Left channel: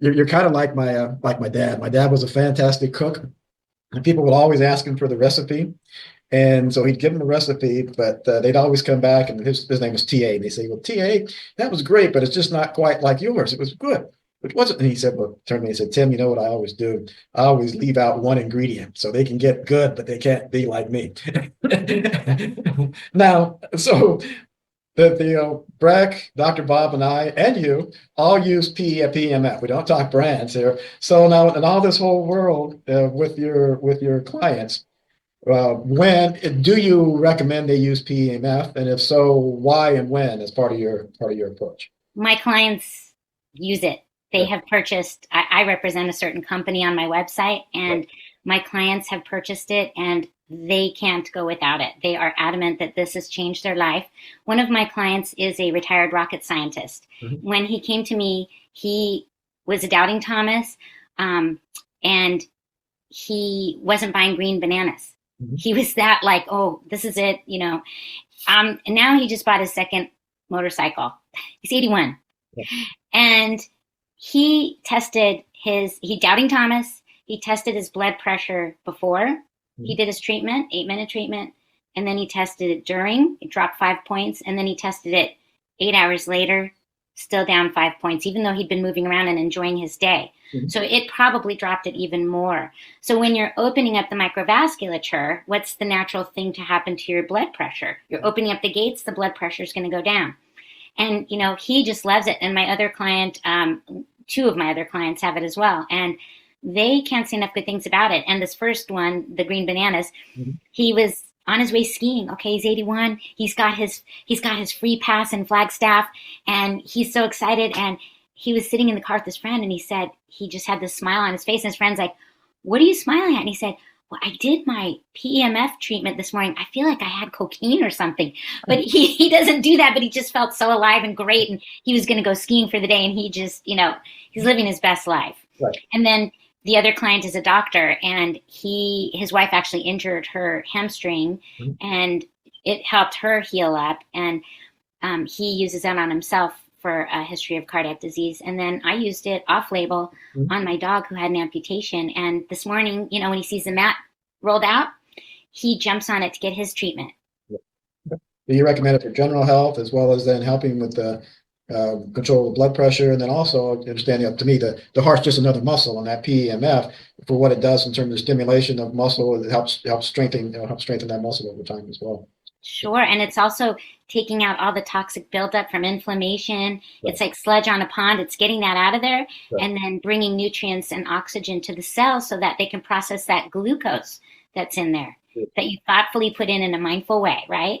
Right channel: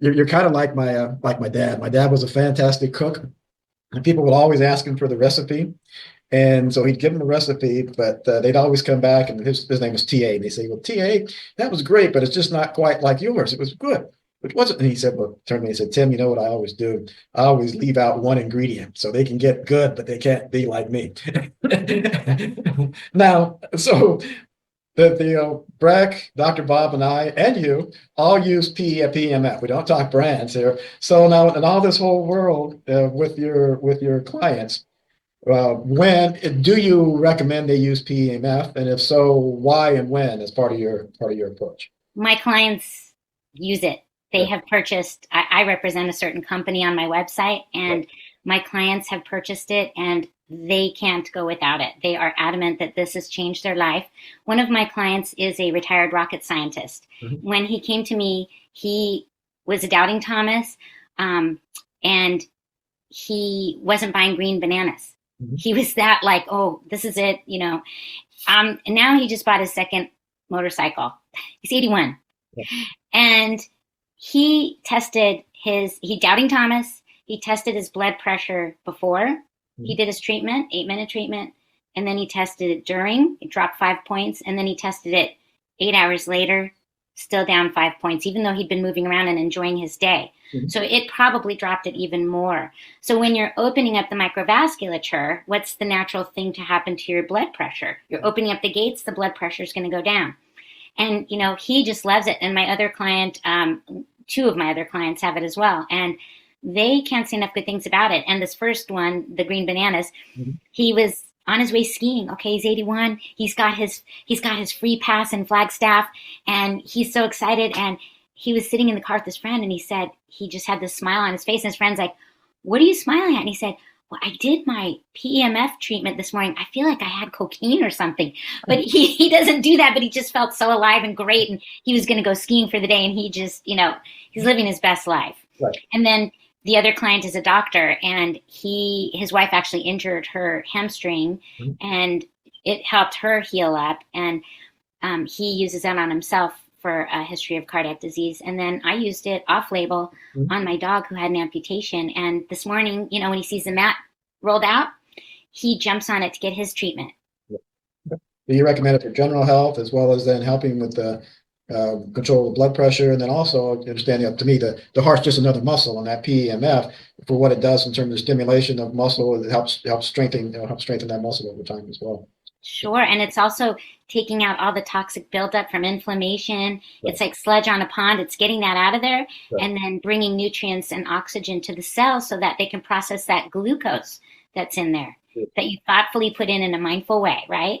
You're kind of like my dad. My dad was a fantastic cook, and people would always ask him for the recipe. And so he'd give them a recipe, but they'd always come back, and his name was TA. And they say, "Well, TA, that was great, but it's just not quite like yours. It was good, but it wasn't." And he said, "Well, turned to me and said, Tim, you know what I always do? I always leave out one ingredient so they can get good, but they can't be like me." Now, so Breck, Dr. Bob, and I, and you all use PEMF. We don't talk brands here. So now, in all this whole world with your clients, when do you recommend they use PEMF, and if so, why and when as part of your approach? My clients use it. They Yeah, have purchased, I represent a certain company on my website, yeah. and my clients have purchased it and they can't go without it. They are adamant that this has changed their life. One of my clients is a retired rocket scientist. Mhm. When he came to me, he was a doubting Thomas, and he wasn't buying green bananas. Mhm. He was that like, oh, this is it, you know. And now he just bought his second motorcycle. He's 81. Yeah. And he doubting Thomas. He tested his blood pressure before he Mhm. did his treatment, 8-minute treatment. And then he tested it during, it dropped 5 points. And then he tested it 8 hours later, still down 5 points, even though he'd been moving around and enjoying his day. Mhm. So it probably dropped it even more. So when you're opening up the microvasculature, what's the natural thing to happen to your blood pressure? You're opening up the gates, the blood pressure is going to go down. And you know, he just loves it. And my other client, two of my other clients have it as well, and they can't say enough good things about it. And this first one, the green bananas, Mhm. he was on his way skiing. Okay, he's 81. He's got his free pass in Flagstaff, and he's so excited. And he was sitting in the car with his friend, and he said he just had this smile on his face. And his friend's like, "What are you smiling at?" And he said, "Well, I did my PEMF treatment this morning. I feel like I had cocaine or something." But he doesn't do that, but he just felt so alive and great. And he was going to go skiing for the day. And he just, you know, he's living his best life. Right. And then the other client is a doctor, and his wife actually injured her hamstring, Mhm. and it helped her heal up. And he uses that on himself for a history of cardiac disease. And then I used it off label Mhm. on my dog who had an amputation. And this morning, you know, when he sees the mat rolled out, he jumps on it to get his treatment. Yeah. Do you recommend it for general health as well as then helping with the control of blood pressure, and then also understanding up to me the heart's just another muscle, and that PEMF for what it does in terms of stimulation of muscle, it helps strengthen helps strengthen that muscle over time as well. Sure. And it's also taking out all the toxic buildup from inflammation. Right, It's like sludge on a pond. It's getting that out of there right, and then bringing nutrients and oxygen to the cells so that they can process that glucose that's in there that you thoughtfully put in a mindful way, right? right.